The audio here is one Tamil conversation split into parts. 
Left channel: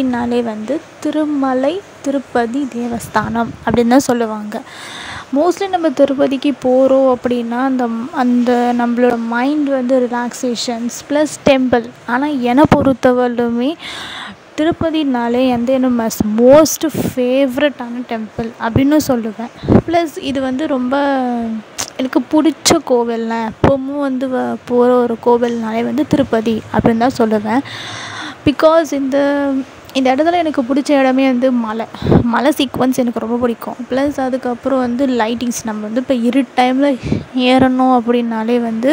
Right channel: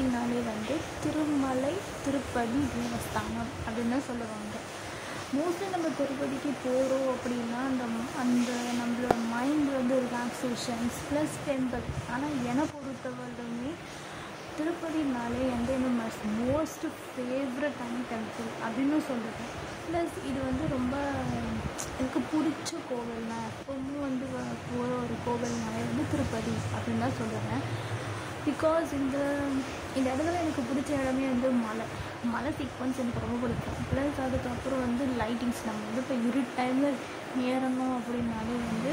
அப்படின்னாலே வந்து திருமலை திருப்பதி தேவஸ்தானம் அப்படின்னு தான் சொல்லுவாங்க. மோஸ்ட்லி நம்ம திருப்பதிக்கு போகிறோம் அப்படின்னா அந்த நம்மளோட மைண்ட் வந்து ரிலாக்ஸேஷன்ஸ் ப்ளஸ் டெம்பிள். ஆனால் என்னை பொறுத்தவரையிலுமே திருப்பதினாலே வந்து என்ன மோஸ்ட் ஃபேவரட்டான டெம்பிள் அப்படின்னு சொல்லுவேன். ப்ளஸ் இது வந்து ரொம்ப எனக்கு பிடிச்ச கோவில்னா எப்போவும் வந்து போகிற ஒரு கோவில்னாலே வந்து திருப்பதி அப்படின்னு தான் சொல்லுவேன். பிகாஸ் இந்த இடத்துல எனக்கு பிடிச்ச இடமே வந்து மலை சீக்வன்ஸ் எனக்கு ரொம்ப பிடிக்கும். ப்ளஸ் அதுக்கப்புறம் வந்து லைட்டிங்ஸ். நம்ம வந்து இப்போ இருட்டு டைமில் ஏறணும் அப்படின்னாலே வந்து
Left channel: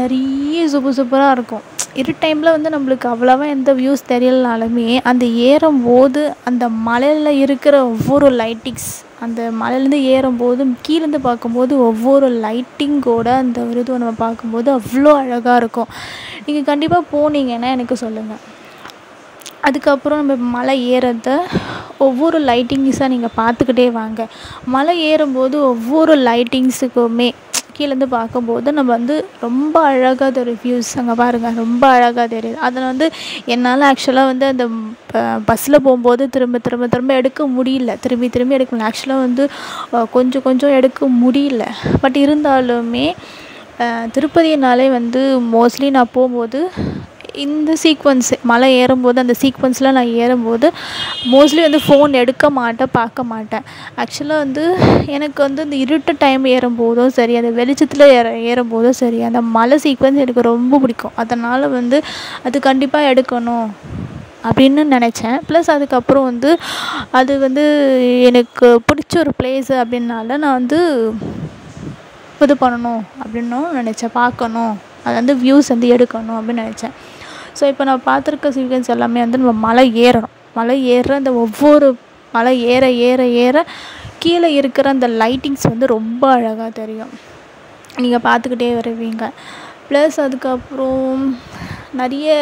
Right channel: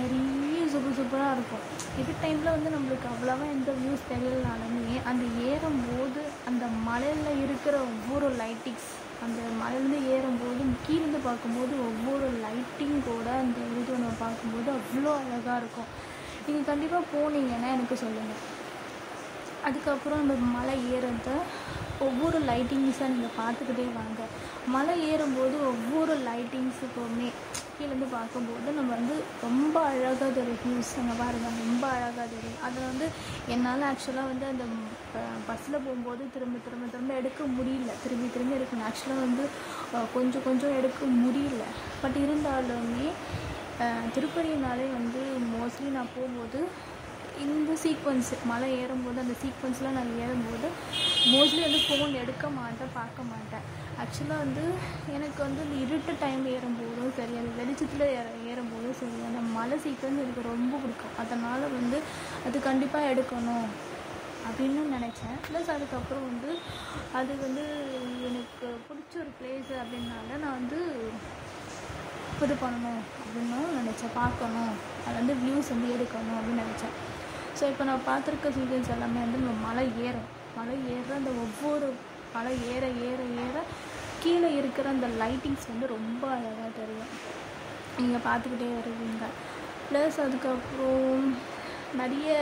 நிறைய சூப்பராக இருக்கும். இருட்டு டைமில் வந்து நம்மளுக்கு அவ்வளோவா எந்த வியூஸ் தெரியலனாலுமே அந்த ஏறும்போது அந்த மலையில் இருக்கிற ஒவ்வொரு லைட்டிங்ஸ், அந்த மலையிலேருந்து ஏறும்போது கீழேருந்து பார்க்கும்போது ஒவ்வொரு லைட்டிங்கோட அந்த ஒரு இதுவை நம்ம பார்க்கும்போது அவ்வளோ அழகாக இருக்கும். நீங்கள் கண்டிப்பாக போனீங்கன்னா எனக்கு சொல்லுங்கள். அதுக்கப்புறம் நம்ம மலை ஏறத ஒவ்வொரு லைட்டிங்ஸாக நீங்கள் பார்த்துக்கிட்டே வாங்க. மலை ஏறும்போது ஒவ்வொரு லைட்டிங்ஸுக்குமே கீழேருந்து பார்க்கும்போது நம்ம வந்து ரொம்ப அழகாக தெரியும். வியூஸ் அங்கே பாருங்கள், ரொம்ப அழகாக தெரியுது. அதில் வந்து என்னால் ஆக்சுவலாக வந்து அந்த பஸ்ஸில் போகும்போது திரும்ப எடுக்க முடியல. திரும்பி எடுக்க முடியல. ஆக்சுவலாக வந்து கொஞ்சம் எடுக்க முடியல. பட் இருந்தாலுமே திருப்பதினாலே வந்து மோஸ்ட்லி நான் போகும்போது இந்த சீக்வன்ஸு மலை ஏறும்போது அந்த சீக்வன்ஸில் நான் ஏறும்போது மோஸ்ட்லி வந்து ஃபோன் எடுக்க மாட்டேன், பார்க்க மாட்டேன். ஆக்சுவலாக வந்து எனக்கு வந்து இந்த இருட்டு டைம் ஏறும்போதும் சரி, அந்த வெளிச்சத்தில் ஏறும்போதும் சரி, அந்த மலை சீக்வன்ஸ் எனக்கு ரொம்ப பிடிக்கும். அதனால் வந்து அது கண்டிப்பாக எடுக்கணும் அப்படின்னு நினச்சேன். ப்ளஸ் அதுக்கப்புறம் வந்து அது வந்து எனக்கு பிடிச்ச ஒரு பிளேஸு அப்படின்னால நான் வந்து இது பண்ணணும் அப்படின்னும் நினச்சேன். பார்க்கணும், அது வந்து வியூஸ் வந்து எடுக்கணும் அப்படின்னு நினச்சேன். ஸோ இப்போ நான் பார்த்துருக்க சீக்வன்ஸ் எல்லாமே வந்து நம்ம மலை ஏறணும். மலை ஏறுற அந்த ஒவ்வொரு மலை ஏற கீழே இருக்கிற அந்த லைட்டிங்ஸ் வந்து ரொம்ப அழகாக தெரியும். நீங்கள் பார்த்துக்கிட்டே வருவீங்க. ப்ளஸ் அதுக்கப்புறம் நிறைய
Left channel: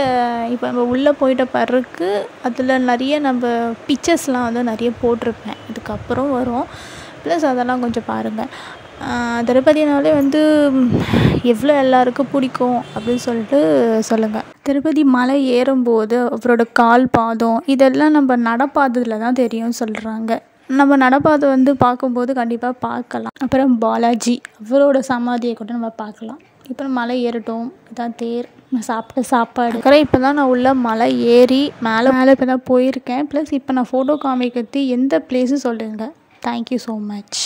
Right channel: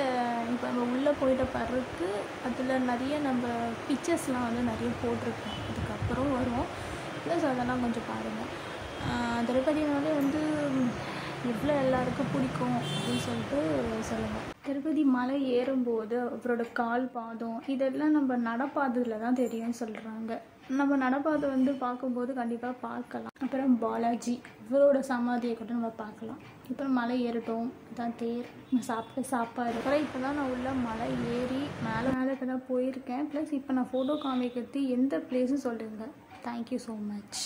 இப்போ நம்ம உள்ளே போயிட்ட பிறகு அதில் நிறைய நம்ம பிக்சர்ஸ்லாம் வந்து நிறைய போட்டிருப்பேன். அதுக்கப்புறம் வரும். ப்ளஸ் அதெல்லாம் கொஞ்சம் பாருங்கள். திருப்பதினாலே வந்து எவ்வளோ எல்லாருக்கும் பிடிக்கும் அப்படின்னு சொல்லிட்டு சொல்லுங்கள். திருப்பதி மலை ஏறும்போது அவரோட கால் பாதம் இதெல்லாம் நம்ம நடப்பாததில் தான் தெரியும்னு சொல்கிறாங்க. நம்ம நடப்பாதை வந்து பார்க்கும்போது கண்டிப்பாக பார்க்கலாம். அப்புறம் பாலாஜி அவரோட சமாதியை கூட நம்ம பார்க்கலாம். இப்போ மலை ஏறட்டும், இதான் தேர், நான் சாப்பிட்ட சாப்பாடு. இப்போ தான் நான் உள்ள மலை ஏறி மேலே இப்போ தான் போயிருக்கேன். ப்ளஸ் இப்போ நான் ஃபோட்டோ காமிக்கிறது எந்த பிளேஸு சொல்லுங்கள். Thank you so much.